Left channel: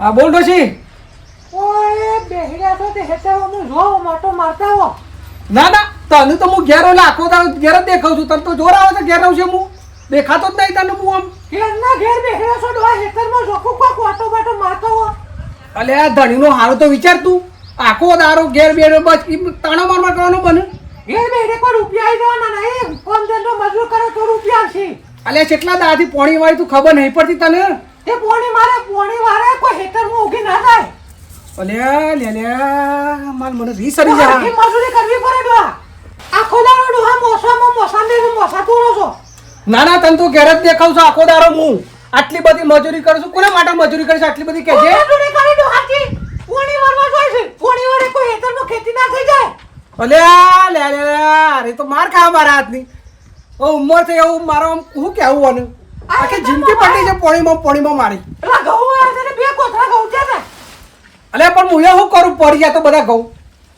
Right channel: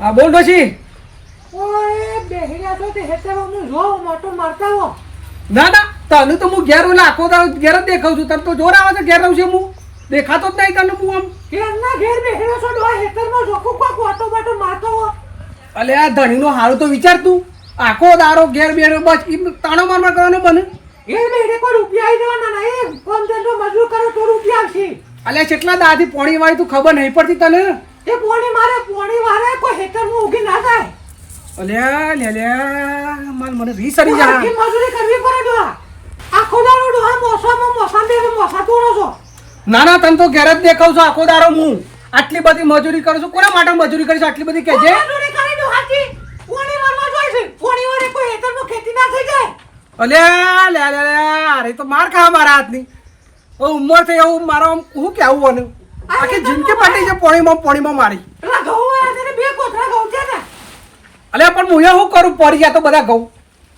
હા બોલ ડોશી. ઓય બેહર્યા છો તે હેતરો હું જો મોટો મારતા હો. ના ના તને તો હું ઘેર આખો ઘેર જ દેખાવ છું. તને તો જોર આવે છે ઘેર રહું છું હું દેખાતો જ નહીં તને હું આમ. ઘેરના ઘેર બેહર્યા છો ડોહા હેતરમાં જોકું કોક વાટો વાટો મારતો હો. અલે આ ધણીનો હારો તો વિચાર તું. આખો દારો ઘેર બેર બસ તાણો માર કરવાનો બને. ઘેર બેહરે કોઈ રૂપિયા આવી જવાના નહીં. કોમ ધંધો મજૂર કરો તો રૂપિયા આવશે. અલે કેટલા દાથી પોણી વાળી તું ખબર નહીં પડતી તને. તે પોણી મારે કોઈ હેતરમાં ઊભી ના જાય. અલે લે માર મને રી સરી જા. આખી મજૂરી કરવી પડે ડોહા. આખો દાડો ડોહા મોસા પૂરો છો. ના ના તને તો ઘેર જ દેખાવ છું આખો દારો હું. આટલી બધી મજૂરી કરું છું. કોના માટે મજૂરી કરીશ આટલી બધી કહેજે. મજૂરી કરી ડોહાથી પોણી મારવા જોઈએ છે. પોણી વડે કોઈ હેતરમાં ખેતી ના થઈ જાય. અલે લે અરે તો માર ખા મારા હાથની. ઉંમર થઈ એવું મારો હું કેવું આનું. આખી જિંદગી પાટી છે પોણીમાં મારી. પેલા ઘઉં આવે છે બે કોથળા ઘઉં છે ને. અલે પણ હું શું કરું પડી ગયા તો બધા ઘઉં.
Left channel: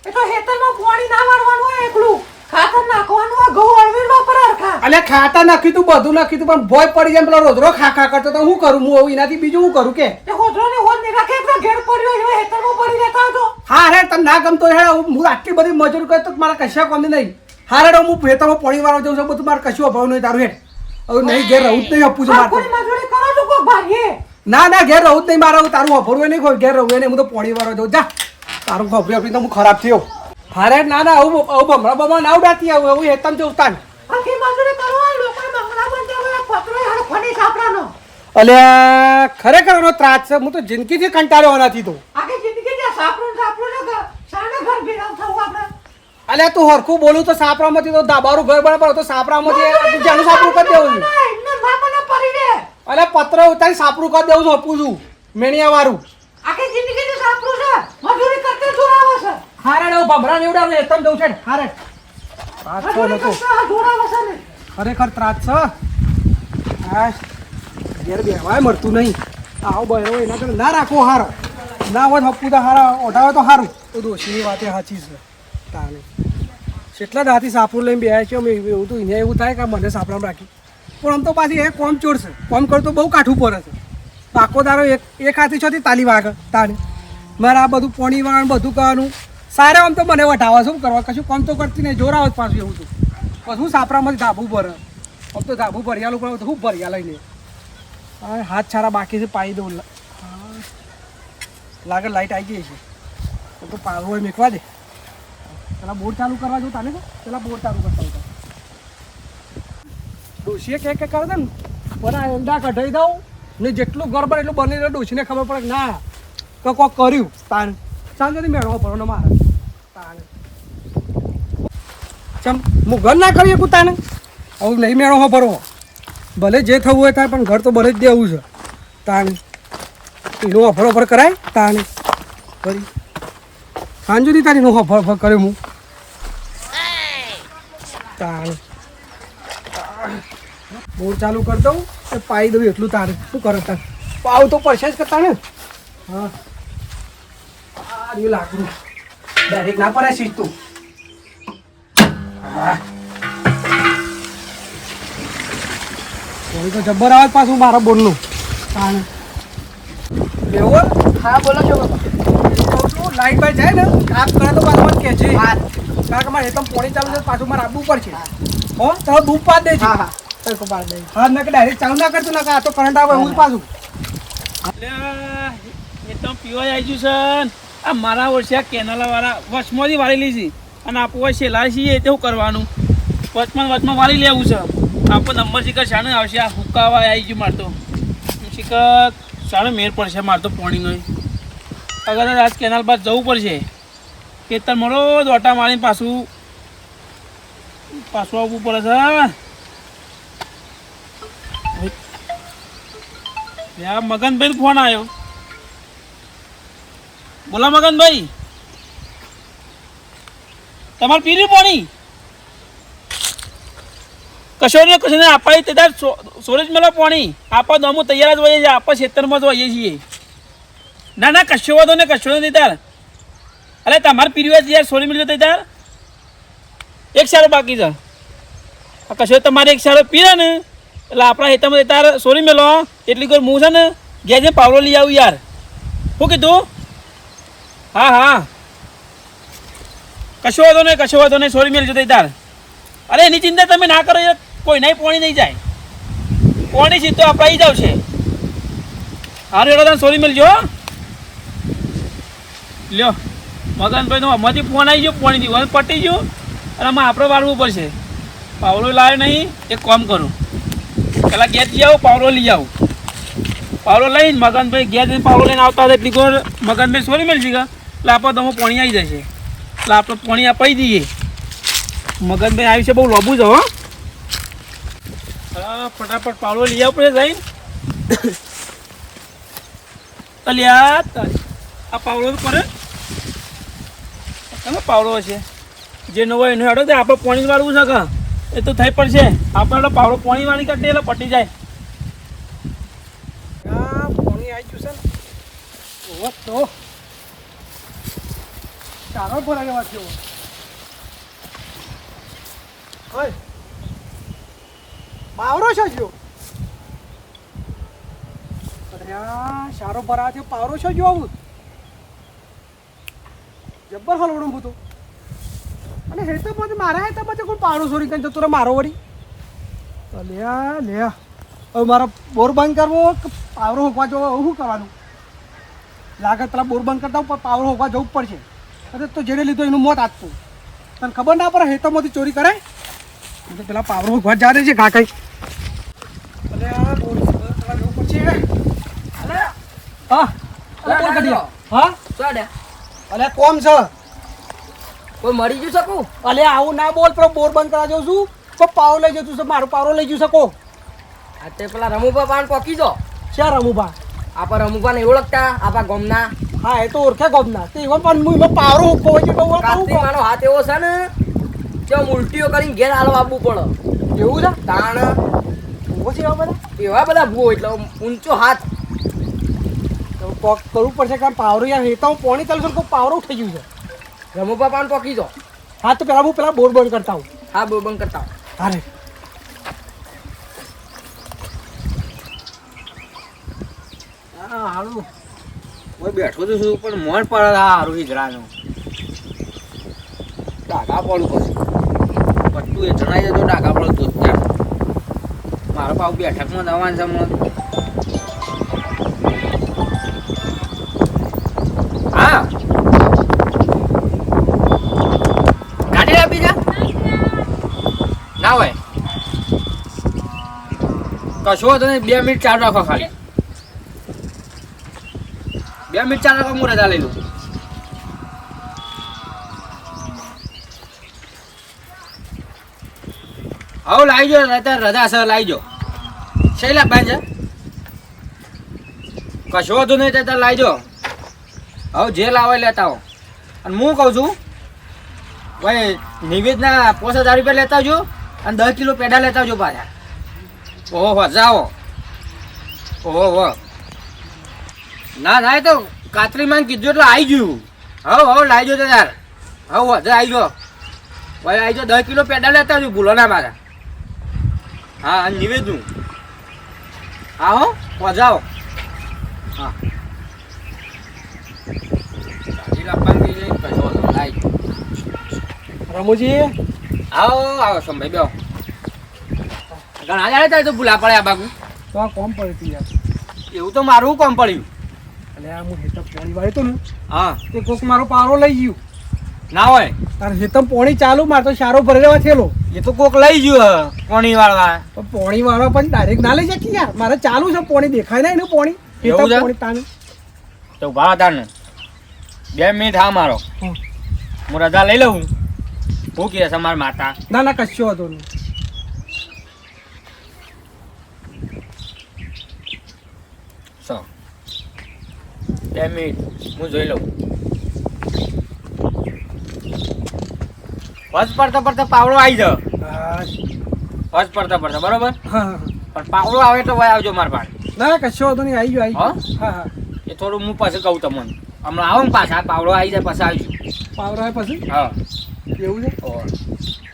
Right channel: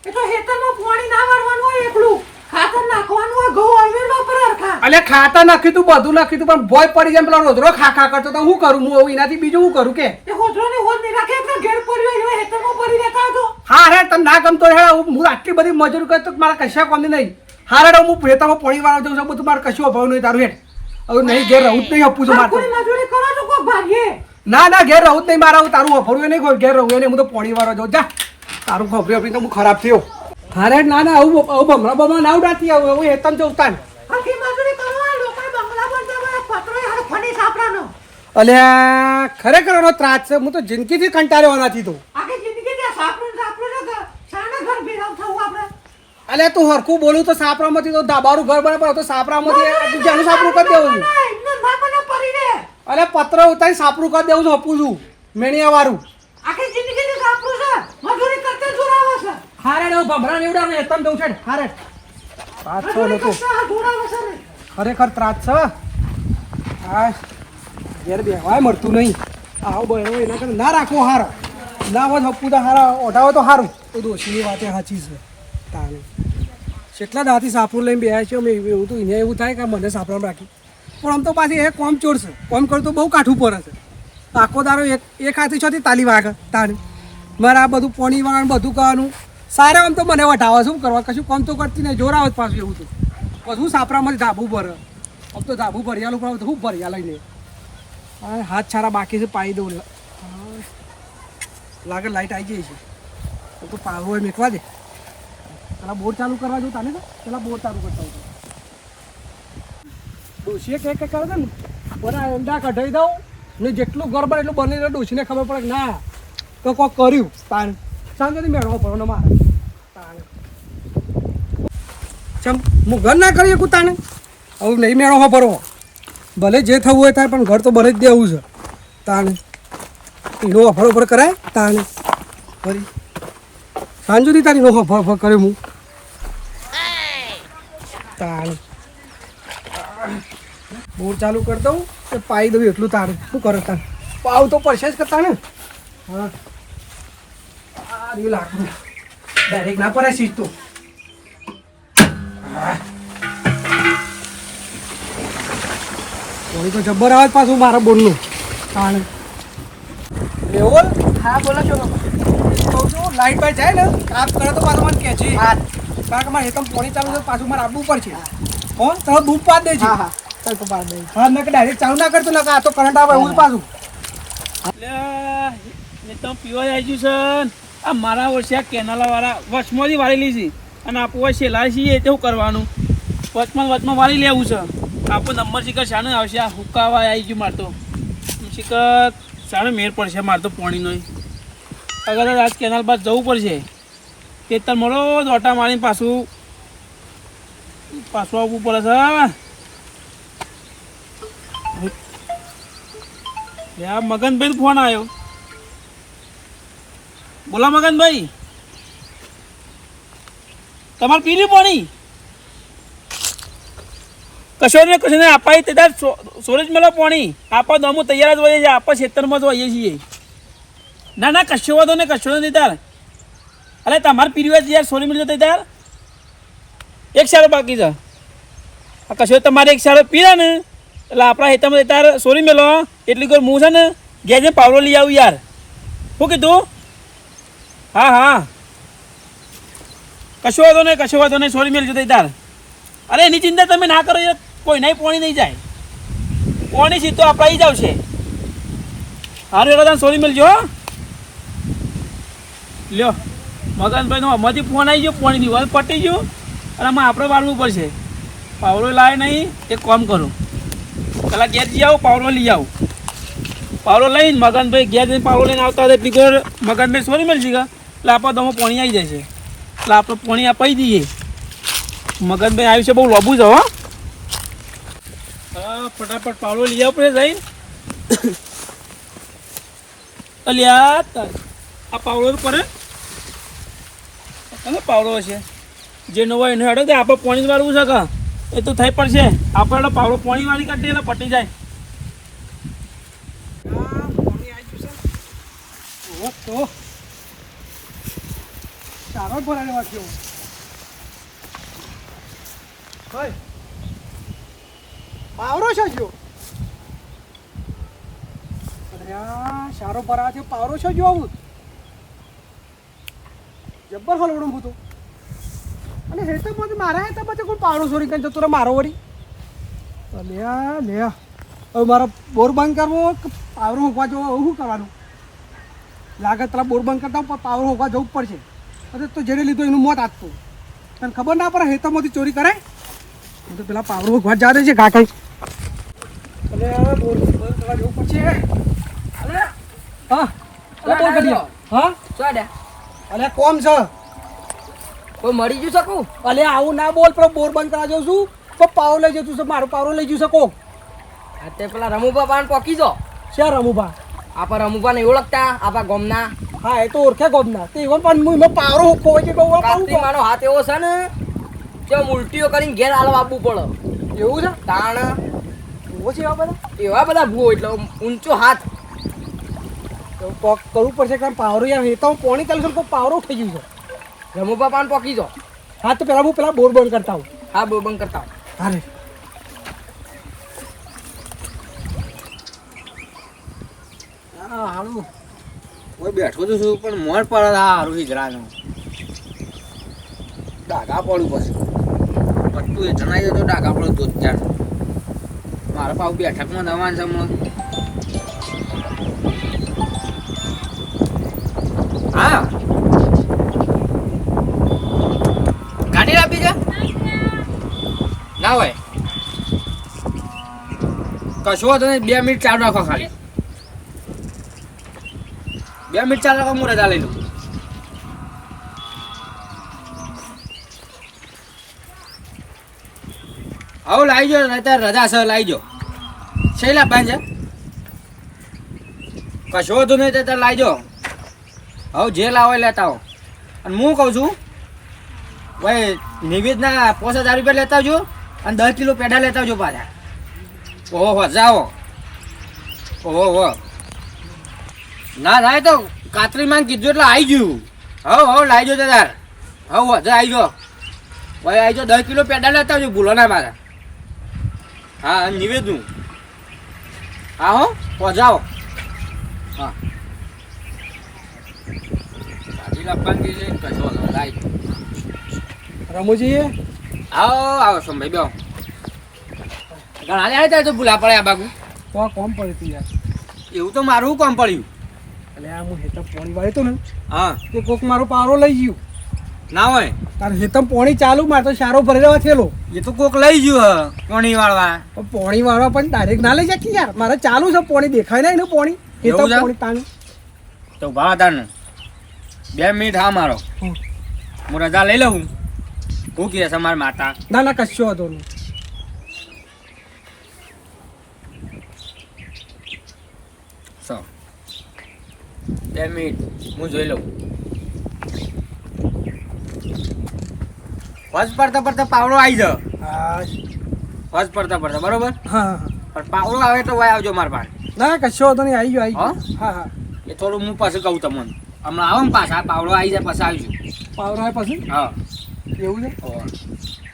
એ તો હેતરમાં પોણી ના મારવાનું હોય એકલું. ખાતર નાખવાનું હોય ઘઉં અળવીમાં પર અરખા. અલે ખાતા નાખ્યું તું બધું નાખ્યું તું પણ ભોય પડી જાય પેલો રોજરો ખા કરતો તો હું કરું હું એનાથી બીજું હું કરું કે. એ હોદરાની હોદ નહીં રાખે એટલે ઘેર પડ્યો એટલે હેતરમાં પડી રહેતા હતો. હા રે તને ના ગમતો હે હું આટલી બધી મજૂરી કરતો મારા કશા કોની નહીં. હા રે હું ખેતરમાં પોણી વાળવા જાઉં છું બધું મારે કશું અભાવ નહીં તારું હેઠ. હવે નહીં ઘેર રહું જ નહીં આપું છું મારે. મજૂરી કરો તો કોઈ ભાગીએ. ના ઘેર રહું જ નહીં મારે તારું અભરવું નહીં ઘેર રહું નહીં હું તો પોણી વાળવા જાઉં જા. તારું ખબરી આપી તો હું ખરાબ થયો. થારે ના આવું બમણા ના ઉડાતી આવું એવું હેતમ જવું તાન. આખી મજૂરી કરવા લોકો બંગલા બંધ કરે પતરો હારો ફની સાપરાનો. અલે ખરેખર એનો ત્રાસ છે હું તો જિંદગીથી કંટાળ્યો નથી તો. આખી જિંદગી જે સાપરો શાના ઘર ભેગા થવું આપણે. અલે તું હરખું બોલું તો સાપરામાંથી તો દાબારું ઘર બરાબર તો સાપરામાંથી જાનું સાપરું કરી દેવું છું. એમને મામા પડી દે. અલે પત્ર ઉતારી સાપરું કરી દેવું છું આપું છું મેણિયા વાળું. આખી જિંદગી જે સાપરો છે મજૂરી કરતે જોરાવે છે. હારે નો ભમરા નીવડા ને એકદમ દઉં છે હારે. ત્રાસ છો નતો જોરાવે છે ને. ખરેખર ત્રાસ છે. આ ઘેર બેવાય મળતું નહીં. આવો બહેરો એના કરતા ના રાખવો હારો. ના હોય હપ્પુ તો હારા ઓઢાવો તો સારું. તો દોશીની વાતે સાચી છે તાને. કેટલા દાથી સાપરું લઈને બેહ્યા છે અમે એવું તો અહીંયા એવું થાય કે મને સાપરામાં રાખી. પણ આમ તો પાછી એ કોમ ચોર છે. કોમ કરતો બહુ કાઠું પડે છે. આખો દારો એક હાથી છોથી તાલી વાગે તાને. મારે આ બધું પોણી વાળવાનું બધું કરવાનું. સારા આમ તો મને વટાવે શું કરવા કશું કામ તો કરતી નહીં જોર આવે પાછું એવું તો. પછી સાપરામાંથી ધાબુ ભરે. આમ તો ધાબુ ભરિયાલું પડે તો હું ભરિયા લઈને. હા હાથ છારા બાકી છે પાઈ દઉં. લાગે લાઈટ આવી ગઈ છે તો પાવો હોય મેકવા દે. પેલા બોર ચાલુ કરવા જવું તાને પેલા બોર ચાલુ કરતા હતા. ડોશીએ કે કરે ને બરા ઊંડા કઢાઈ દઉં ને જેટલું ગરબર એટલું બને એટલે ડોશીને ખબર પડે કે ના તો કોક કર્યું તાન શાંતિથી મેળવો પડો ને મારે તાને. ચમ હું ઘર ના કરી શકું તાને આવું નહીં મેળવો ભરો. ભલે જે થવું હોય તારે પણ ઘર તો ભલે જ દેવું છે તાને. એનો અફર કરાય તાને ફરી સાંજ સુધી તારી નો અફર કરે હું તારે બોર ચાલુ કરી દઉં કે પાઈ દઉં એટલું તારે શું કરે તારે પાવ તો પડશે જ કરતા ને. હા આ રહ્યું લાકડું ડાયરેક્ટ ના પડે સીધું. થોડી તો જબ્બર આવે પાછું મારા બોરનું તાણે. લેવો હા બોલો છો બાબા એ કહું છું લાઈટ બાઈટ જાય ને કાપ કરે તો પાછું મને કહેજે. કારણ કે મારે હેતમ પોણી ચાલુ છે પાછું મારે આવવું પડશે. હો તમે બૂપ પાડ દેજો. હા ના કે ડાયરેક્ટ ચાલુ ના કરતું ના આ તો કરંટ આવે એવું પાછું. એટલે એ તો પીવા આવી ગયું છે. આ મારા વર્ષે આ કેનાલાવાળા વચમાંથી વાળેલી છે અને આપણે છેલ્લા છીએ તે શું કરવાનું વચમાં વાળી લેવું છે. આપણો નંબર શિખર શાને આવશે આ હુકાવા આવી ગયું મારતો શિખર શાને મેર પડશે મારતો પાણીનો. અગર આજ કેનાલ બાદ જવું પડશે તે તાર મળો દોટા મારીને પાછું આવવું પડે છે. આ મગનભાઈ ફોન આવ્યો. બોલા મગનભાઈ તમારે પી રહ્યું પાણી કશો ને આપાય તે તાર સોરેજ મેળો પાણી આપા દમું તૈયાર જ હોઈએ છીએ આપા ખેતરમાં જ હોઈએ છીએ. ના કશો વધો ને કશો નથી તાર. અરે તમારે પીર્યું યાર સોરી મિલ જતો તાર એક સારો બાકી છે. આ કશો તમારે એક સારો પીરે ને એટલે આપણા ખેતરમાં તાર સોરી મેલો એટલી કોઈ હું છે ને ઘેર પાવડો લઈ આવું યાર. શું કીધું? હા હા કશો વાંધો નહીં સોરી મેલજો તઈ તાર. અરે એની ચિંતા તમે ના કરો યાર, કોઈ નહીં પોણી નહીં જાય, પોણી સીધો અપાઈ જાવ છે. હારું એડો તમે સોરી મેલજો હો. લ્યો મગનભાઈ નો અમારથી ફોન આવી ગયો, પોણી દીવાનું પટી ગયું અને આમાં આપણે વાળવું પડશે. પાવડો લાવ્યો નહીં, એક કામ કરું પેલા ગેસ જઈ આવું, પાવડો લઈ આવું. પાવડો લઈને મગનભાઈ ગેસ જઈને પાવડો લઈને આવતા હતા એટલી કોર મગનભાઈ સોરી મેળશે કે એટલે આપણે તમે પોણી આવી જશે, એટલે આપણે પોણી અપાઈ દઈએ. મગનભાઈ આવ્યું છે બહુ લોબુ છે હો. હા ફટાફટ પાવડો લઈ આવ પડે જઈને. અલ્યા આ પાવડો કરે તમે પાવડો હશે જે નવો એનો હેડો છે, આપણે પોણી વાળવું છે કે એ તો થઈ પડશે. આપણે પાવડો પોણી વાળી કાઢીએ એટલે પટી જાય. પોણી આવી ગયું છે ને તો ચારો ભરાને વાંચ્યો હોય પાવરો છે જો. અરે સારો ભરા છે પાવરો છે જો. આવું જબ્બર હલવડું હતું અને હેતા પછી મારા હેતા પછી કોઈ પાવડો સોરી કરીને જતો રે મારો વળી. લ્યા લ્યા હવે મારા બોર બંધ કરવો કે પાવરો હોંકવા જવો, હવે શું કરવાનું? લાગે પેલા બોર બંધ કરતા પણ પાવરો હોંકવા જવું જ પડશે. અરે તો જેને લીધો એનું મોત આપતું તને ખબર ના પડે હેતામાંથી ચોરી કરે તો પેલા પાવરો હોંકવા જાય છે ઘા કઈ. બોર બંધ કરવા જવું પડશે. હા બોર કરી હા અલે કોમ છે કોઈ મરી ગયું શકું? અલે આવું ના બોલ, પેલો બોર બંધ કરવા જાઉં છું તો પાવરો લઈ જતું છે, મારો પાવરો લઈ જવું શકો. આ તે પેલા રમુભા પાન પોકી જો. શા રમુભા? આપણા રમુભા ને ઓળખતા આપણા ગામના? હા એ તો ઓળખે ગોમના તે એમાં પણ હું એમાં પાવરો હોકો હોય છે તો હું કાસ્તી કહું મારો હાથ એવો છે ને જે ઉલટીઓ કરીને ઘેર હાલવા આપવું પડે. એવું છે તાણ ભૂવો છે એવા બધા એવા બધા ભૂવો એટલે ઊંચો હાથ. તો કોક કરવું પડશે કારણ પાવરો યાર હેતા હું પોણી ચાલુ છું કોઈ પાવરો થઈ ગયું છે. રમુભા પાન પોકી જો. હા તો પેલા હું પેલા બોર બંધ કરતા હું. હા બોબંગ કરતા હા રે હા હાલું કોઈ બેઠો તો છું પણ મોર પડે હારું હિજરાનું ડાઘા પડું પછી પટ્ટું એ જણાઈ જતો ડાઘા પડો તો ત્યાં મારા પાવ બેઠકમાં જવાનું છે હમણાં. હા ગાડી લાવી જા ના હોય કશો હતો ને 2 મિનિટ ચાલુ રાખો ખાલી 2 મિનિટ ચાલુ રાખો હું રજા લઈ લઉં. આવો લાવી જો નહીં રજા સર લાવી જો છે લાવવાની છે કશો હતું નહીં તો લાવી જો હવે જે લાવો એ લેતા આવો. અને હું કહું છું ભાઈ નિવેદના 5000 રૂપિયા લેતા આવજો અને 10 કિલો પેડા લેતા આવજો પાછા. ઓહો જાઓ ઓહો ના ના એ તો કાતરી માં કીધું એટલે આવી ગયું. હવે લાવી જો તાર હવે હજા આવી જો ભાઈ આવી જો 10 કિલો પેડા લેતા આવજો ભૂલો ના મારા. હા અને નિવેદનું હા હો પહોંચાવો. હા ગાડી લાવવાની કશો લાવી રમુજી આવો આવો સંભાઈ બેહો. ઘણા જાય થાય તો ભૂલા પડે આ બાગુ તો આ કોમ પડતી યાર. એવું તો મારું કોમ પડ્યું. એટલે આ હું હેતમ પોણી વાળી તો ને હા તે કોક મારો પાવરો લઈ ગયું. ના હોય તાર હેતમ પોણી ચાલુ માર તો સારો ભરી દેવા થયેલો એ તો કોક લઈ ગયું કોણી વાળવા. પણ પોણી વાળવા પણ ડાયરેક્ટ ના લઈ શકે યાર. મારે ચાલુ છે પોણી દેખાય ના એનું પોણી એવું હેતમ છે? પોણી તાનું તો ભાતાનું 2 મિનિટ હા મારો હમ. હું રજા લઈ લઉં. શું કહે છે મારા માતા? ના ના કશો હતો નહીં. સો 2 મિનિટ હું જોઈ લઉં. ફર્સ્ટ પડતા પડતા પાવડો આવી જાવ. હા ફર્સ્ટ પડતા પડતા બરોબર હા હા પણ પાવડો આવે તો ભાઈ આવજો મારા પાસે. ના કશો હતો નહીં આવી ગયો હા? હા હા એ થોડું હું પાછું કહું તમને હમણાં આવો ને પાછા પાવડો આવી જાય પાછા આવજો. પાવરો આવે પછી હા એવું છે ઓહો.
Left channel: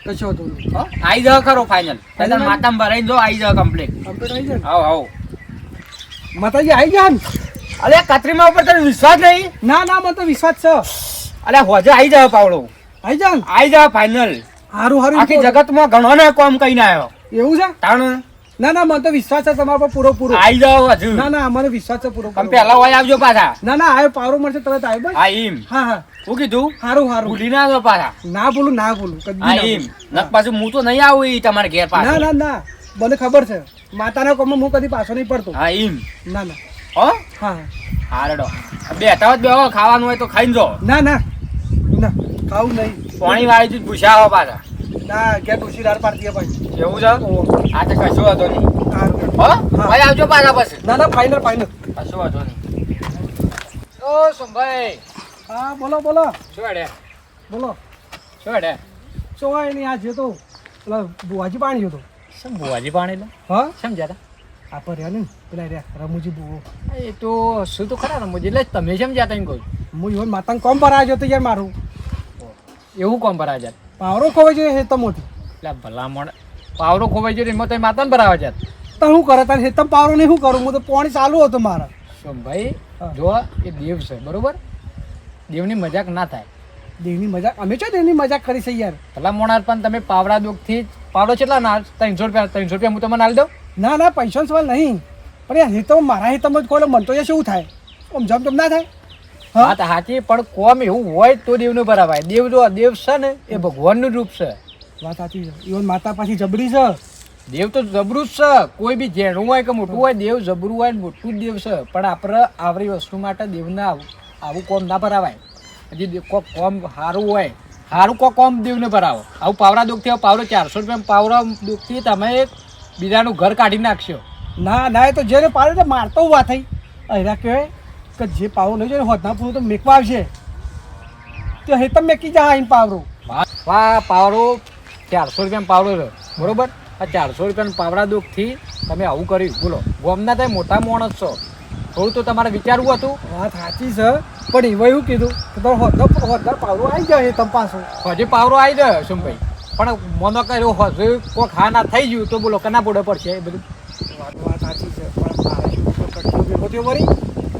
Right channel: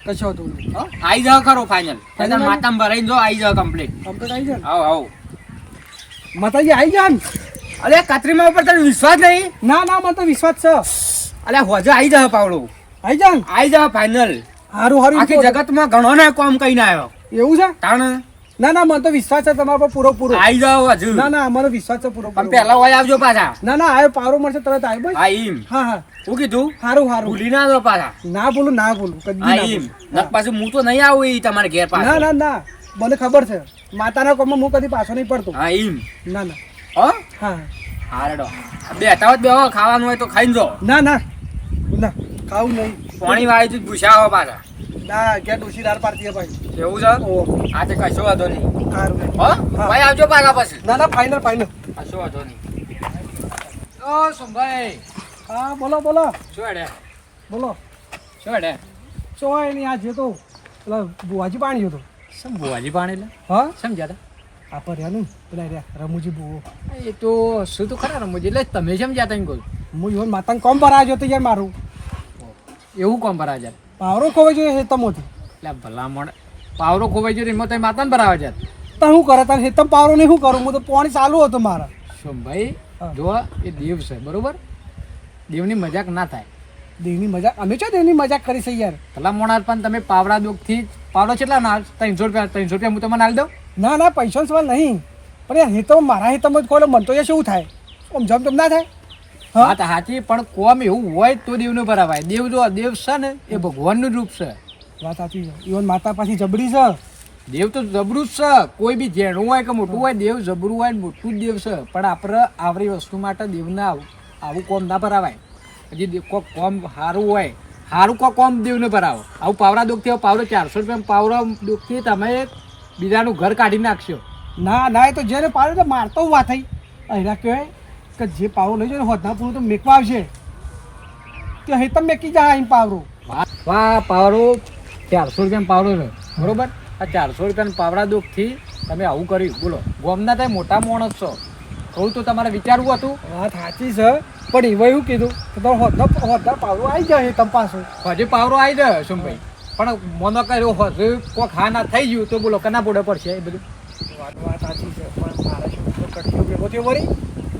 કશો હતો નહીં. હા આવી જાવ ખરો ફાઇનલ Final? માતામાં ભરાઈને જો આવી જાવ કમ્પ્લીટ. કમ્પ્લીટ આવી જાય ને આવો આવો માતાજી આવી ગયા ને અરે કાતરીમાં ઉપર તને વિશ્વાસ નહીં? ના ના મને તો વિશ્વાસ છે. અરે હોજે આવી જાવ પાવડો, આઈ જા આવી જાવ ફાઇનલ. હારું હારું આખી જગતમાં ઘણો ને કોમ કહીને આવ્યો. એવું છે? તાણ ના ના મને તો વિશ્વાસ છે તમારા પર પૂરો પૂરો. આવી જાવ હજુ. ના ના મને વિશ્વાસ છે પૂરો પણ પૂરો. પહેલા હોય આવજો પાછા. ના ના આયો પાવરો મળશે તરત આયો બસ. હા એમ. હા હા શું કીધું? હારું હારું. ભૂલી ના દો પાછા. ના બોલું ના બોલું કદી હા ના એમ. બોલું. નક પાછું હું તો નહીં આવું ઈ તમારે ઘેર ના પાછો. ના ના મને ખબર છે માતાના કોમમાં હું કદી પાછો નહીં પડતો. હા એમ. ના ના હો હા હારડો બેઠા હોત બેહો, ખાવાનું હોય તો ખાઈને જો. ના ના ના ખાવું નહીં. પાણી વાળી તું પૂછ્યા હો પાછા. ના ઘેર ડોશી દાળ પાડતી હે ભાઈ. એવું છે? ઓહો હા તો કશો વાંધો નહીં. સારું. હો હા. ભાઈ આવજો પાછા પછી. ના ના ફાઇનલ ફાઇનલ. કશો વાંધો નહીં. ઓ સંભાઈ હા બોલો બોલો શું હેડે? બોલો. શું હેડે? શું હોય નહીં આ જતો પેલા બુવાજી પાણી હતો. શું ભુવાજી પાણી લે? હા સમજ્યા આ પર રહ્યા ને પેલા રહ્યા રમુજી બુવો. એ તો શું તો ખરા રમુજી, એટલે તમે સમજ્યા તા એમ કહું. હું ઈવન માતાને કોમ પર આવ્યો તો યાર મારું એવું કોમ ભરાવા જાત? પાવરો ખોવાઈ જોઈએ હેતમોથી. એટલે ભલામણ પાવરો ખોવાઈ ગયો એમાં તમે માતાને ભરાવા જાત? તો શું કરે તારે હેતમ પાવરો નહીં શું કરું હું તો પાણી ચાલુ હતો મારા. શું ભાઈ હા. જો એ દેવ છે બરોબર, દેવની મજાક ના થાય. દેવની મજાક અમે છો દેવની મજાક કરી છે યાર. ભલામણ પણ તમે પાવડા દુઃખથી પાવડો કેટલા ના 300 રૂપિયા હું તમને આલી દઉં? ના ના પૈસાનો સવાલ નહીં પણ યાર હેતમ મારા હેતમ જ ખોલે મન તો યાર શું થાય આમ જમ ના થાય. હા તો સાચી, પણ કોમ એવું હોય તો દેવનું ભરાવાય. દેવ જો દેવ છે ને એ ભગવાનનું રૂપ છે. વાત સાચી છે. ઈવન માતા પાછી જબરી છે. દેવ તો જબરું જ છે. કોઈ બી ઝેણું હોય કે મોટું હોય, દેવ જબરું હોય ને મોટું જ દેવ છે. પણ આપણે આવરી વસ્તુ માટે દેવને આવું કોમ ના ભરાવાય. હજી કોક કોમ સારું હોય, સારું કોક કોમ દેવને ભરાવો. આવું પાવડા દુઃખથી પાવડો 400 રૂપિયા પાવડા દુઃખથી તમે બીજાનું ઘર કાઢી નાખશો. ના ના એ તો જેને પાડે તો મારતો વાત થઈ. અહીંયા કહેવાય કે જે પાવરો લઈ જાય હોદના પૂરું તો મેકવા આવશે તો હેતમ મેકી જાય આઈને પાવરો. હા પાવડો 400 રૂપિયા પાવડો છે બરોબર. આ 400 રૂપિયાના પાવડા દુઃખથી તમે આવું કર્યું બોલો. ગોમના તમે મોટા માણસ છો, થોડું તો તમારે વિચારવું હતું. વાત સાચી છે પણ એવા એવું કીધું કે તમારો હોદના પાવરો આવી જાય હેતમ પાછો. હજી પાવરો આવી જાય શું ભાઈ, પણ મોનો કર્યો હજુ કોક હા ના થઈ ગયું તો બોલો કના બોડે પડશે એ બધું. વાત સાચી છે પણ મારા શું કટકો ભેગો થયો વળી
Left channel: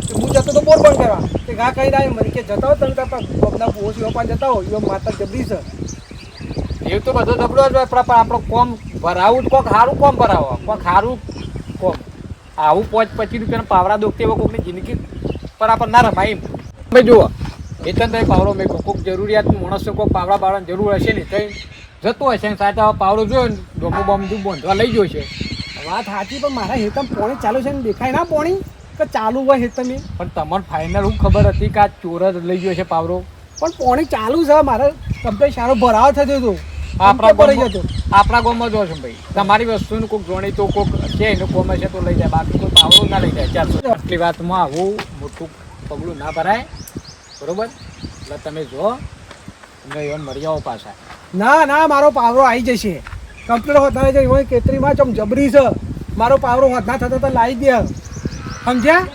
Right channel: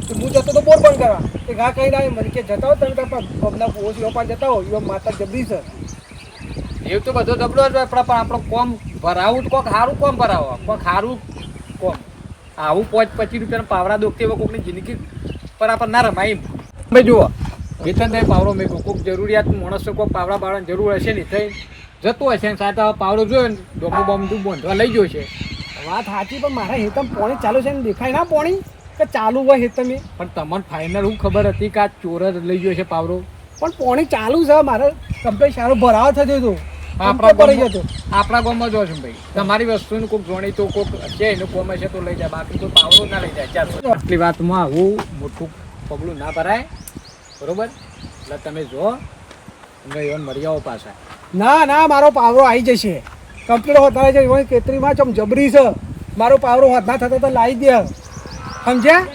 કે હું જતો તો બોર બંધ કરવા તે ઘા કઈ ના મને કે જતા હો તમે બબના પોસ એવા પણ જતા હો એવા માતા જબરી છે. એ તો બધો જબરો જ હોય પણ આપણો કોમ ભરાવું તો કોક સારું કોમ ભરાવો, કોક સારું કોમ. આવું 25 રૂપિયાના પાવડા દુખતી એવા કોકની જિંદગી પર આપણે ના રમાય એમ. ભાઈ જુઓ વેતન તો પાવડો મેં કોઈક જરૂરિયાત માણસો કોઈક પાવડા બાવડાની જરૂર હશે ને થઈ જતું હશે ને સાથે પાવડો જોયો ને ડોમું બોમું બાંધવા લઈ ગયો છે. વાત સાચી પણ મારા હેતમ પોણી ચાલુ છે ને દેખાય ના પોણી કે ચાલુ હોય હેતમ એ. પણ તમને ફાઇનલ હું ખબર હતી કે આ ચોર જ લઈ ગયો છે પાવડો? પણ પોણી ચાલુ છે મારે કમ્પ્લેટ સારો ભરાવ થતો હતો આપણા ભરાઈ જતો. આપણા ગામમાં જો છો ભાઈ તમારી વસ્તુનું કોઈક જોણી તો કોઈક છે એનું કોમ હશે તો લઈ જાય, બાકી તો પાવડો ના લઈ જાય. ચાલો આટલી વાતમાં આવું મોટું પગલું ના ભરાય બરોબર. એટલે તમે જો તમે એવન મરી જાઓ પાછા. ના ના મારો પાવરો આવી જશે કમ્પ્લેટ હોતા છે એવા કેતરીમાં ચમ જબરી છે. મારો પાવરો હોતા થતો તો લાવી દે સમજ્યા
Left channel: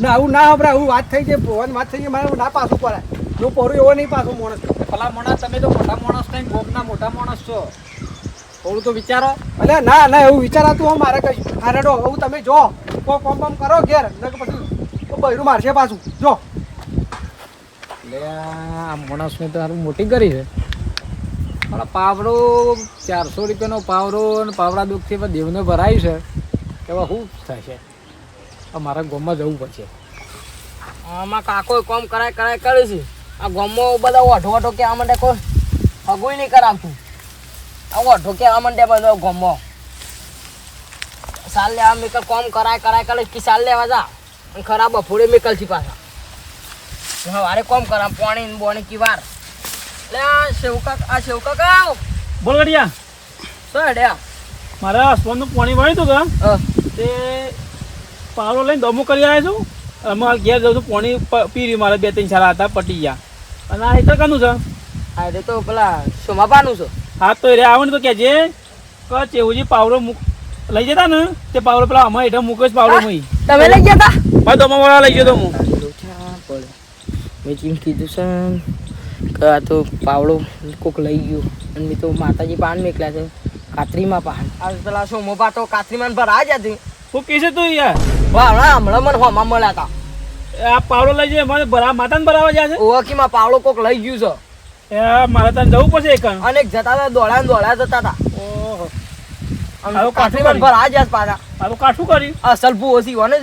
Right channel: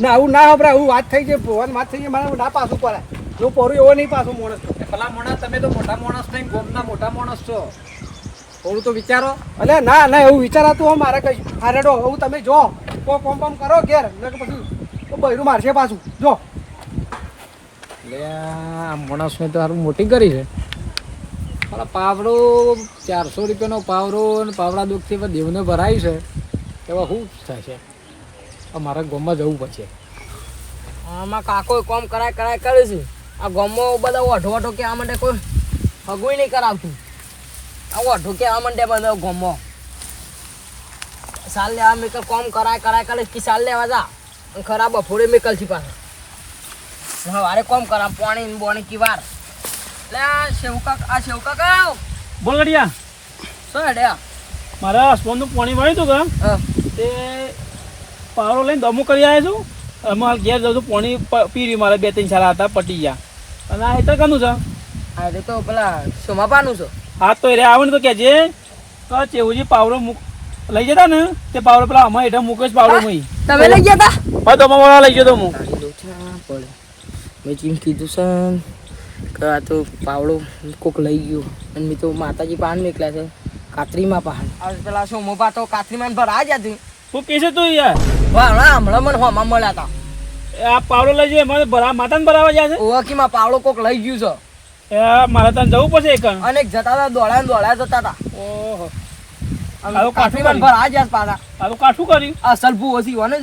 ના આવું ના હબરા આવું વાત થઈ જાય ભગવાન વાત થઈ જાય મારે ના પાછું પડાય. હું પરું એવો નહીં પાછો માણસ. ભલા માણસ તમે તો મોટા માણસ થઈને ગોમના મોટા માણસ છો, થોડું તો વિચારો. અલે ના ના એવું વિચારાતું હોય મારે કઈ હારેડો હું તમે જો કોઈ કોમ બમ કરો ઘેર ને પછી તો બૈરું મારશે પાછું જો. એટલે આ માણસને તો સારું મોટી કરી છે. મારા પાવડો 400 રૂપિયાનો પાવડો અને પાવડા દુઃખથી દેવને ભરાય છે એવા શું થશે? મારા ગામમાં જવું પડશે. આમાં કાકો કોમ કરાય કરે છે. આ ગામમાં બધા ઓઢો ઓઢો કહેવા માંડે કોઈ હગુય નહીં કરાવતું. આ ઓઢો કહેવા માંડે બધા ગામમાં સાલ લેવા મેકલ કોમ કરાય કરે કે સાલ લેવા જા અને ખરાબ બફોડે મેકલ છે પાછા. હવારે કોમ કરા પાણી ને બોણી કી વાર એટલે આ સેવકા કાવ બોલ ગડિયા શું હેડ્યા મારા હસબન્ડનું પાણી વાળ્યું હતું કે તે પાવડો લઈને દમો કરી આવ્યા છું. અમારે ઘેર જવું પાણી પી રહ્યું મારે 2-3 સારા હતા પટી ગયા. અને આ હેતર કાનું છે? આ તો પેલા સોમાપાનું છે. હા તો રે આવે ને તો કહેજે કે ચેવુજી પાવડો લઈ જતા ને તે પાવડો પેલા અમારે હેઠળ મૂકે જ પાવડો મય તમે લઈ ગયા તા? હા દમાવાળા લઈ ગયો તો હું. પડે મેં જેમ કીધું છે કે આ તો પાવડો કોક લઈ ગયો અને મેં તો માતાજી પાન મેકલ્યા છે કાતરીમાં પાન. આ પેલા સોમોપા તો કાતરીમાં ભરા જ હતી. શું કહે છે તું યાર? વાહ હમણાં મને હોમાં મળ્યા હતા આ પાવડો લઈ જઈએ મને માતાને ભરાવા જાય છે ઓળખીમાં પાવડો કોક લઈ ગયું છે મારે તને જવું પડશે એક અને એક જતા હતા દોડ્યા જતા હતા ઓહો આવું કાઠું કર્યું ભરા જાય પાછા આ તો કાઠું કર્યું અસલ ભૂઓથી હોય ને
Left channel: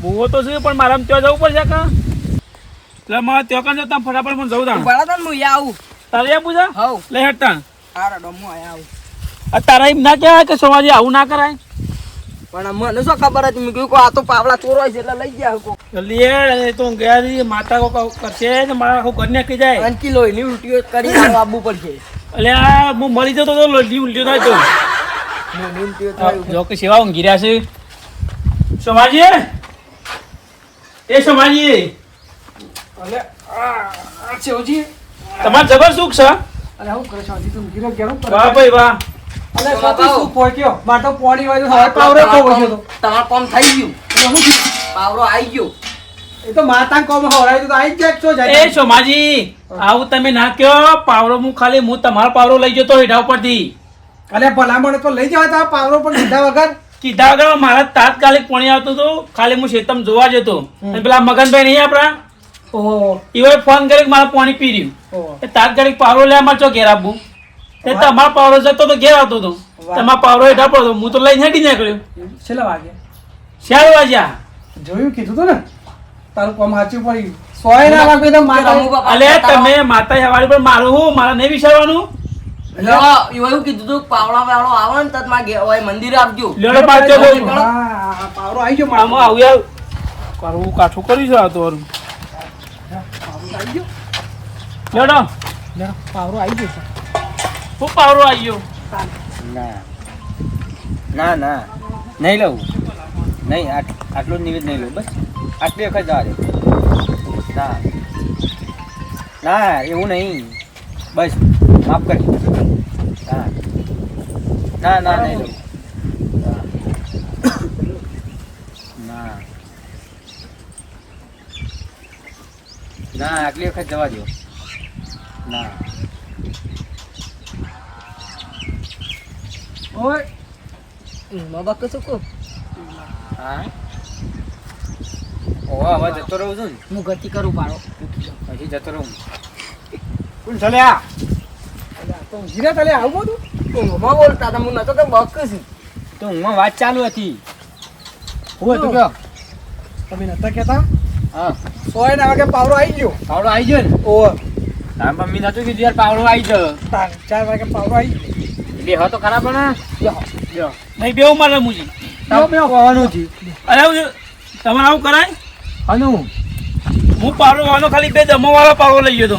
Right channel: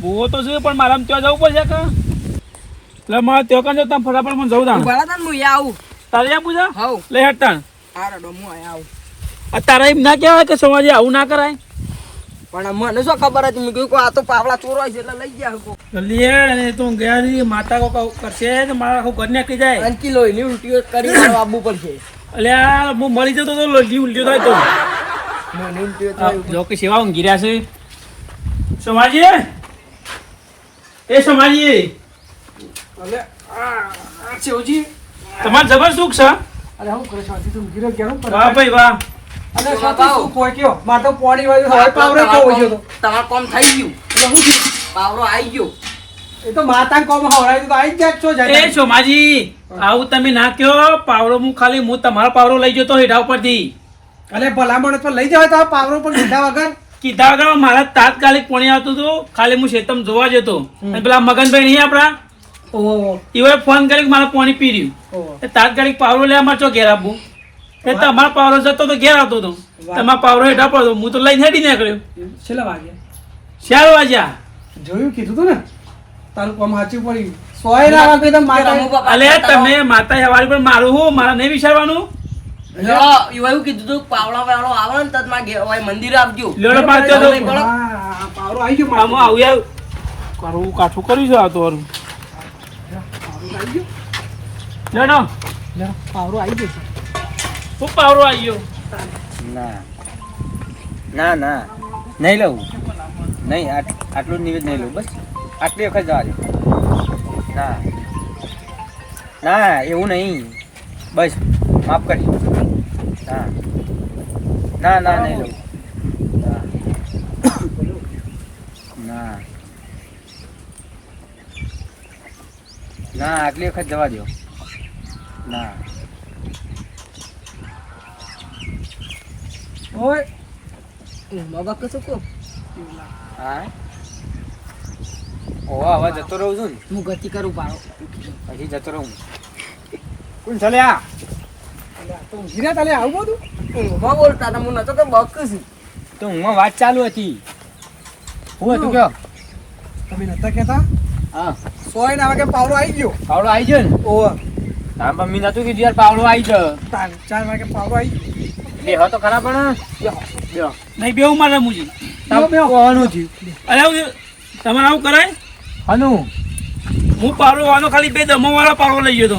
ભૂવો તો છે પણ મારે ત્યાં જવું પડશે કા એટલે મારે ત્યાં કાં તમે ફટાફટ મને જવું તાણ ભરા હતા ને હું આવું તારે આવું છે હવ લઈ હટતા હા રડો હું આવું તારા એમ ના કહેવાય કે સમાજે આવું ના કરાય પણ મને શું ખબર હતી મેં કહ્યું કે આ તો પાવડા ચોરાય છે એટલે લઈ ગયા કોક જલ્દી અને તું ગયા રી માતા કો કરશે ને મારા આખું ઘર ને કહી જાય અને કિલો એની ઉલટીઓ કરી મારવા આવવું પડશે એટલે આ હું મળી જતો તો લોહી ઉલટ્યો થાય તો મોની ઉલટીઓ થાય જો કે સેવા ઊંઘી રહ્યા છે સમાજી એ સમાજી અલે આ છેવજી તમારે જબર સુખ છે અરે હું કરે શાંતિ તું ગીરો ગેરો પર વાહ ભાઈ વાહ અલે શાંતિ શું કોઈ કયો માટો પોણી વાળો હવે પાવરો ખોવો ગયો તો તમારું કામ થઈ ગયું એટલે હું થયું? પાવરો આવી ગયો એ તો માતા કોમ હવરાય તો આઈ જ જાક છો જાય એ સોમાજી આવું તમે ના કયો પાવરો હું તમારો પાવરો લઈ જતો હેઠા ઉપરથી અલે ભલામણ તો લઈ જવાય તો પાવરો પણ લીધા વગર કીધા વગર મારા તાત્કાલિક પાણી આવતું હતું ખાલી હું શેતમ જોવા જતો અને પેલા મગનભાઈ નહીં આપડા ઓહો એવા ફોન કરી મારા પાણી પી રહ્યું ઓહો એ તાત્કાલિક પાવરો લેવા મારે ચો ઘેર આપવું તે તમારો પાવરો જતો તો ઘેર આવતો હતો તમારો પાવરો હેઠા પડતો હું તો લઈને હેડી નીકળ્યો છેલ્લા વાગે 4 વાગ્યા જોયું કીધું તું ને તારું કોમ સાચું પડી સોય ના વાગે તો માતા અલે તમે માતા સવારી પર મારું હું મારા નહીં વિચારવાનું એવું કીધું તું પાવડા વાળો આવે ને તત માં મંદિર આપજો લેડો પાડજો હા, પાવરો આવી ગયો આમાં આવું યાર કરવું કાઠું કર્યું છે આ તો હારું. લેડો લે, પાવરો આવી ગયો શું પાવરો આવી ગયો ના ના ના નહીં લઉં નહીં આટલું જ નિવેદ નહીં લઉં બસ આટલી વખત જવા દે ના ના એવું નહીં બસ માફ કરી ના ના ના નહીં લઉં ના ના ના આટલી વખત જવા દો ના ઓય બાબા કશું કહો હા ઓવા હવે જતો રહું છું ને હું ગતિ કરું પાડો પછી જતો રહું કોણ ચાલ્યા અલે આ તો ઊંઘી રહ્યા તાલે આવું બધું ઊંઘમાં બોલતા હતા હું નતો તો બકશું તો હું વાત ચાલુ હતી હું હતું કયો તમે નતા કહેતા હા સોય ના વાગે પાવરો આવી ગયો પાવડો આવી ગયો ને ઓહો તાર પણ મેં નતું કીધું યાર પાવડો આવી ગયો 4 વાગે પાવરો આવી ગયો એટલે હવે તો ખરા પણ બેહો નહીં બેવું મારે મુજી કોવાનું થયું અરે આવું તમારે આવું કરાય હનું હું પાવરો વાનો ખાલી 2 દમો વાળો પાવરો લઈ ગયો તો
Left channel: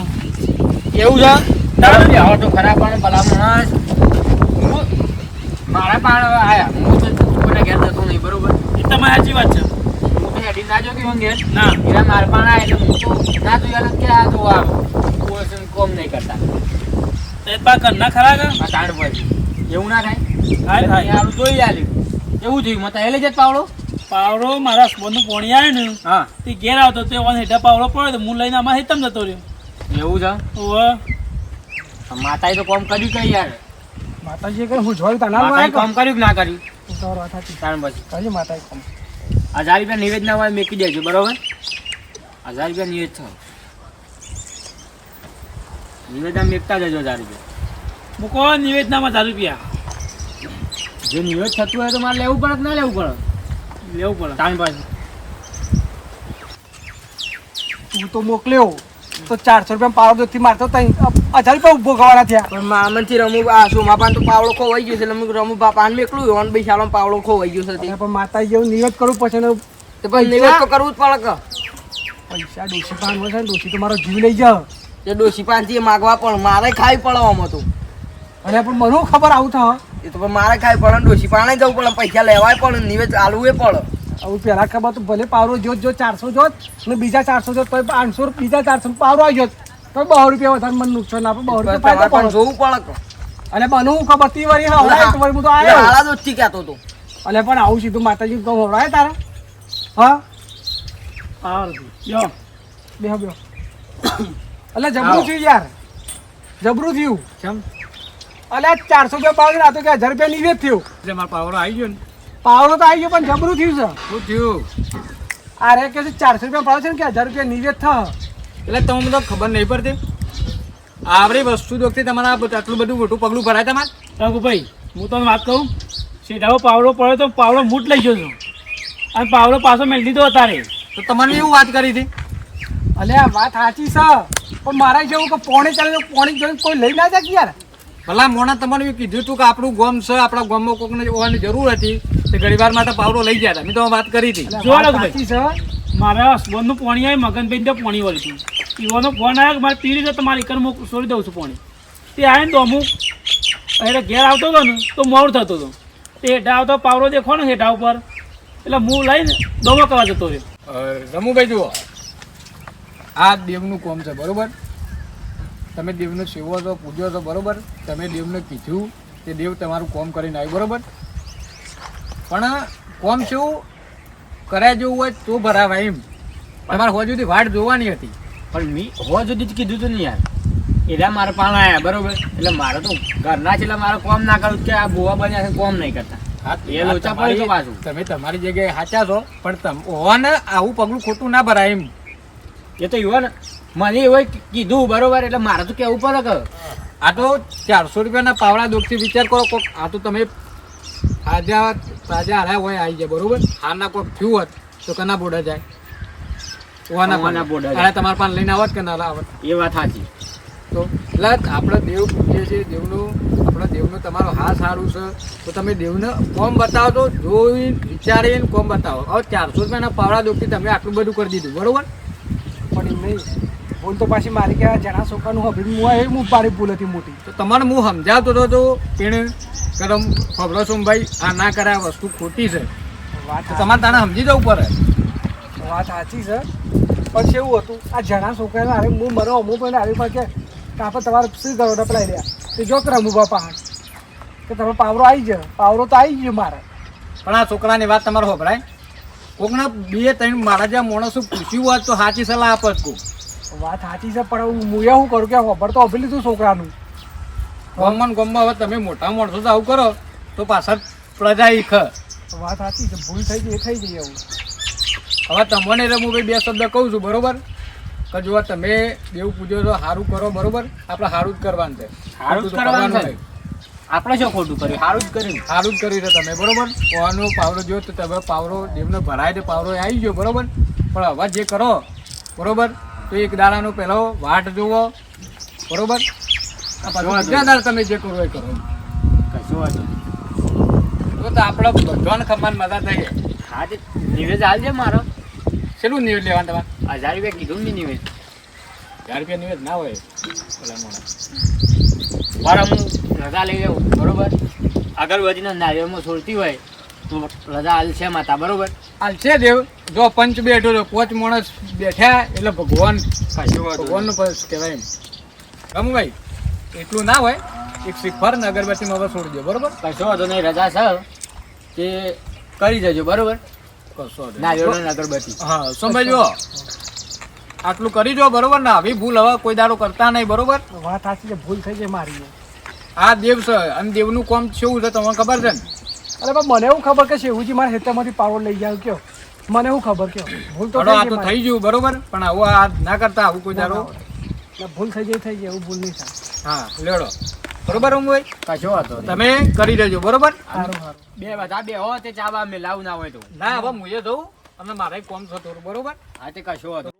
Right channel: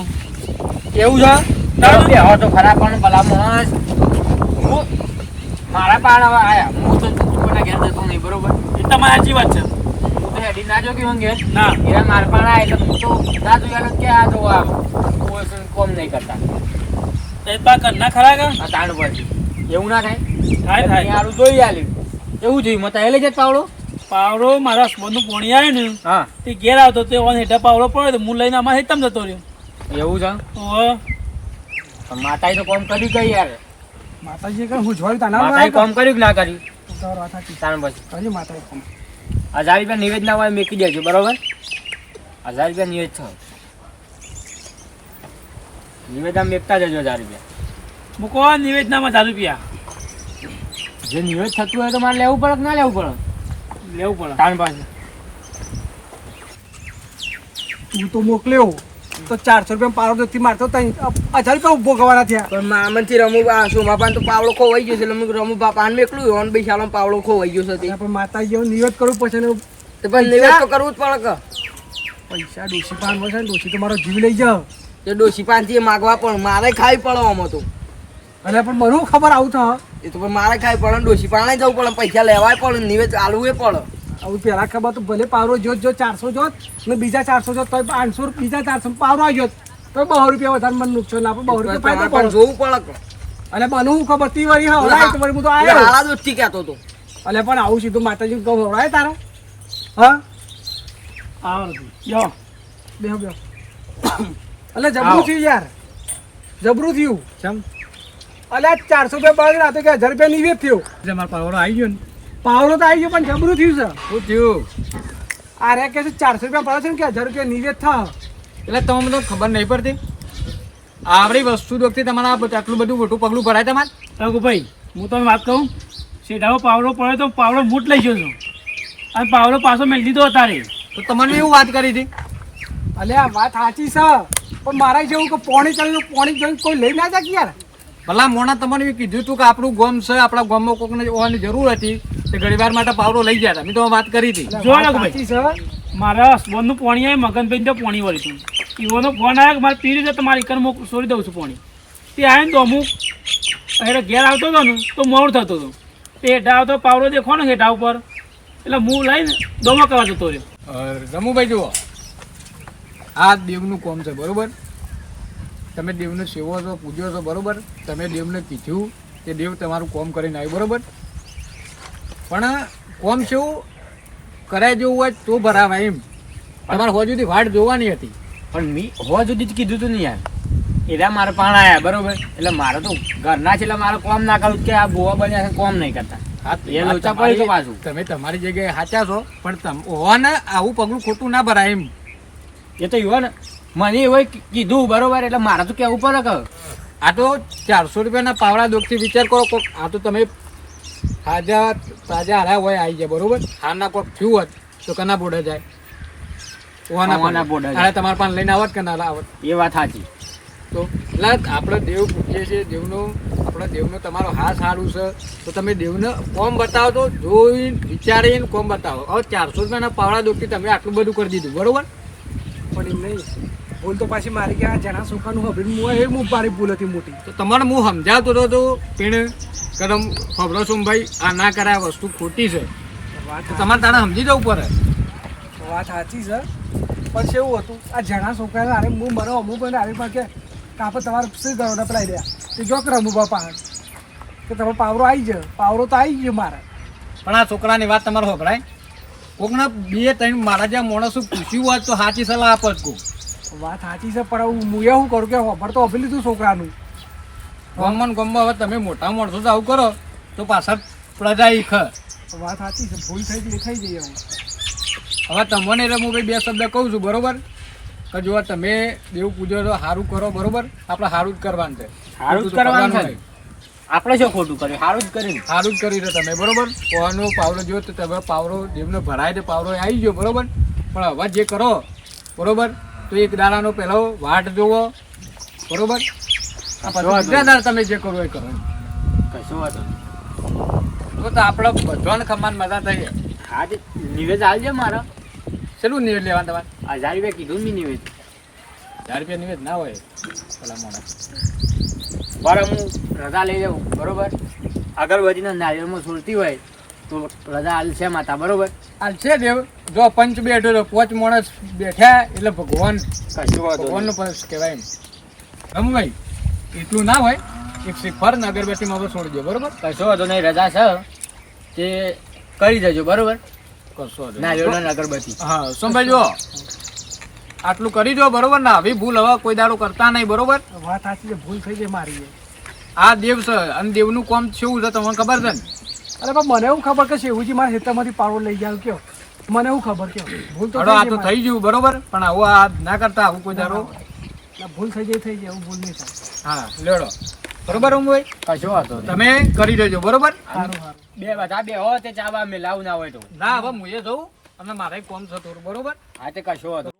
એવું છે બેહો તો ખરા પણ ભલા માણસ હું મારા પાડ હવે આયા હું તો કોઈના ઘેર જતો નહીં બરોબર એ તમારી સાચી વાત છે હું તો હેડી ના જો કે ઘેર ના એરા મારા પાડ આયા એટલે હું તો ના જોયા કે આ જો આ હું કોમ નહીં કરતા તો એ પા કરના ખરા કે આ તાણ પર એવું ના થાય થાય થાય સારું જોઈ આલ્યું એવું થયું મત એ લઈ જત પાવડો પાવડો મારા હસબન્ડનું પોણી આવે ને હા તે ઘેર આવતો તે ઓન હેઠા પાવડો પડ્યો તો હું લઈને આમાં હેતમ જતો રહ્યો એવું છે ઓવે માતાએ તો કોમ કર્યું કઈ યાર માતાજી કે હું જોઈ તા ના માતાએ કોમ કર્યું કે ના કર્યું તો વાત હતી તાણ પછી કઈ માતાજી કોમ 1000 રૂપિયા નિવેદ ના હોય મેકી દેજો બરોબર 1000 રૂપિયા નિવેદ છો નિવેદ આમ મેકતા જજો 1000 રૂપિયા મૂકો નિવેદનામાં 1000 રૂપિયા જે નિવેદ થતું હોય તો મારે લેવું પડે કે ના લેવું પડે લેવું પડે તાણ પાસે હું તો મોકલ્યો તો 400 રૂપિયા પાવરો થી મારતો તઈ 1000 રૂપિયા ઉભો ગવાના થયા પણ મામનથી રમુ આ સોમાપાન તો પાવડો ખોવાઈ ગયો છે એટલે મેં રમુ બાપાને મેકલું ઓન ભાઈ શાળામાં પાવડો ખોવાઈ ગયો છે તે. પણ માતાજી જેવું નિવેદ કરવું પછી ને તે પણ નિવેદ તો કરવું જ પડે કે પૈસા ડોસી પાન છે ડોસી તો મારો જીવ લઈ જાવ તે ડોશી પાનથી માગવા પણ મારે ખાવી પડે આમાં તો અરે પણ મને ખબર આવું થા એ તો પણ મારે ખાવી પડે ડોશી પાણે જવું પડે પૈસા લેવાય પડે નિવેદ આલવું એ પડે આવું પેલા ખબર તો ભલે પાવરો જોત 400 જોત અને બીજા 400 જોત તો 500 બીજા 400 પાવરો આવી જોત તો 200 રૂપિયા વધારે મને નુકસાન આપે 200 રૂપિયા તમારે પણ જોવું પડે કે. અલે બનવું ખબર તી વારી હા એક વાર હું તો એ આવ્યો હાલા દોસ્તી કહેતો હતો અલે પણ આવું સીધું માતાજી કહો હોરાય તારે હા આવડતું યો બેહો બેહો અલે જબરું થયું યાર જબરું થયું કેમ અલે 400 રૂપિયા બાદ રાતો કે 1000 રૂપિયા નિવેદ થયું એટલે મારો પાવરો આવી ગયો ને પાવરો તો આવી ગયો પણ જબરું થયું છે શું થયું આ રે કે છે 400 રૂપિયા ભાવ છે ને કે 1000 રૂપિયા નિવેદ થા. એટલે તમને બધો ખબર નહીં પડતી આવડી વસ્તુ દોખતી તમારે આટલું બધું મોટું પગલું ભરાય તમારે. રઘુભાઈ હું તમને વાત કહું, સીધાઓ પાવડો પડ્યો તો પાવડો મૂટ લઈ જજો અને પાવડો પાછો મેળ દીધો અત્યારે. તો તમને એવું વાત કરી હતી. અલે આ વાત સાચી છે, પણ મારે જેવું કે પોણી ચાલે તો પોણી જોઈને કોઈ લઈ ના જાય કે યાર. ભલા મોણા તમને એવું કીધું હતું કે આપણું ગામ છે, આપણા ગામમાં કોકને હોવાની જરૂર હતી તે ઘણીવાર માટે પાવડો લઈ ગયા હતા. મેં તો વાત કરી હતી. અલે જો વાત રઘુભાઈ. સાચી છે. મારા હસબન્ડનું પોણી આવી, મગનભાઈ તો પોણી વળી હતું. ઈવોનો ફોન આવ્યો કે મારે પીડી છે તમારી ઘર છોડી દઉં છું પોણી. તે આવીને તો અમુક એટલે ઘેર આવતો હતો ને તો મોડું થતો હતો. તે હેઠા આવતો પાવડો દેખો ને હેઠા ઉપર, એટલે હું લઈને દોમો કરવા જતો રહ્યો. રમુભાઈ જુઓ, આ દેવનું કોમ છે બરોબર. તમે દેવને સેવો છો, પૂજ્યો છો બરોબર. તમે દેવને કીધું કે દેવ તમારું કોમ કરીને આવ્યું બરોબર. પણ કોમ શું કરાય જેવું હોય તો ભરાવાય એમ. તમારે હો સુધી વાટ જોવાની હતી. પણ મી હો સુધી જ કીધું તું ને યાર, એરા મારા પાણ આયા બરોબર. એટલે મારે તો ઘરના છે એટલે મારે કોમ ના કરું કે આ ગોવા બન્યા છે કોમ નહીં કરતા. એ લોચા પડે તો પાછું. તમે તમારી જગ્યાએ સાચા છો, પણ હોવાને આવું પગલું ખોટું ના ભરાય એમ. એ તો યુવા ને મને એવું કીધું બરોબર, એટલે મારે તો કેવું પડે કે આ તો 400 રૂપિયાના પાવડા દોખથી વિચાર કરો. કોક આ તો તમે તાજા હારા હોય આવી જાય બરોબર. હારના કોક થયું હોત તો કના બોડા જાય, ઓવાના બોડા જાય. તમારા પાસે લઈને આવત કે ના આવત. એ વાત સાચી. તો એટલે આપણે દેવ પૂજીએ છીએ, દેવનો આપણે દેવનો તમારો હા સારું છે તો તમે દેવને કોમ બતાવો તો જોઈને વિચારીને કોમ બતાવો. હવે 400 રૂપિયાના પાવડા દોખથી તમે આટલું બધું કરી દીધું બરોબર. પણ એમ નહીં, ભૂલ તો પાછી મારી કે આ જણા છોકરાનું હવે હું એ મારી ભૂલ હતી મોટી. તો તમારે હું સમજાવતો હતો તો એને કદમ ખબરો છો ભાઈ આ ના કરે, આ વસ્તુ ખોટી છે. વાત તો તમારે તાણે સમજી જવું પડે. વાત સાચી છે, પણ કેવું હતું આ જણા છોકરાને અરે હું મને અમુક આવી પણ કે આપણે તમારે શું કરો ડપલાઈ રહ્યા એ જો રમું બાપા હાથ તો તમે પાવરો આવી જાય. પાવરો તો આવી ગયો મારે. પણ આ છોકરાની વાત તમારે ખબરાય. કોકને 2-3 મારા જ્યાં માણસો પૂછ્યું હોત તો સાચી સલાહ આપત કોક. વાત સાચી છે, પણ હું શું કરું કે ખબર તો આપી લીધું છોકરાનું. ગમમાં હવે તમે મોટા માણસો તો આવું કરો તો પાછળ પ્રજા ઈખ. વાત સાચી છે, ભૂલ થઈ ગઈ એ થઈ ગઈ એવું. હવે તમને હું ભાઈ 2 શબ્દ કહું છું બરોબર. કે જો તમે દેવ પૂજો તો સારું કરો બરોબર. આપણે સારું જ કરવાનું છે. સારું જ કરવાનું છે. આપણે શું ખોટું કર્યું, સારું જ કર્યું. સારું જ કર્યું છે તમે બરોબર. પોવાનો પાવરો જો તો તમે પાવરો દેવને ભરાય તો પાવરો આવી ગયો બરોબર. પણ હવે જે કરો બરોબર તો એક દાડાનો પહેલો વાટ જોવો બરોબર. બીજા દાડા તમે જે કરો એ કરો. કશું વાંધો નહીં. તો આપણે બધાને ખમાન મજા થઈ જાય. આજે નિવેદ આવજે મારા. શેનું નિવેદ લેવાનું તમારે? 1000 રૂપિયા કીધું મેં નિવેદ. 1000 રૂપિયા નિવેદ ના હોય પેલા મોડા. પર હું રજા લઈ જાઉં બરોબર. અગરબત્તીના નારિયેળમાં છોડતી હોય તો રજા હાલશે માતા બરોબર. હાલ છે દેવ જો પંચ બેઠો તો 5 માણસ બેઠ્યા એટલે ભગવાન કશું વાંધો ભગવાનનું પદ કહેવાય એમ. રમુભાઈ એટલું ના હોય, એક શ્રીફળ ને અગરબત્તીમાં બસ છોડી દો બરોબર. કશો વાંધો નહીં, રજા છે તે કરી દેજો બરોબર. કશો વાંધો નહીં. નારિયેળ ને અગરબત્તી. હા સોમભાઈ જો આટલું કરી દો બરોબર ને. આવી ભૂલ હવે કોઈ દાડો કરતા નહીં બરોબર. વાત સાચી છે, ભૂલ થઈ ગઈ મારી. આ દેવ છે અને દેવનું કામ શું છે તમને ખબર છે ને. અરે પણ મને એવું ખબર કે શેવુજી મારા ખેતરમાંથી પાવડો લઈ જાય કયો મને એવું ખબર કયો ભૂલ તો હડો આ થઈ તો ગઈ થઈ ગયું બરોબર. પણ આવું આ ના કરતા આવું કોઈ દાડો. મારી. ભૂલ થઈ ગઈ એવું ભૂલ નહીં થાય. હા લેડો બરોબર રમુભાઈ. કશો વાંધો નહીં. તમે કરી દેજો બરોબર. સારું સારું. બધા બે હો તે ચા બા મેલાવું ના હોય તો. ના હવે હું એ જઉં અને મારે કોમ છે થોડું બરોબર. હા તે કશો વાંધો.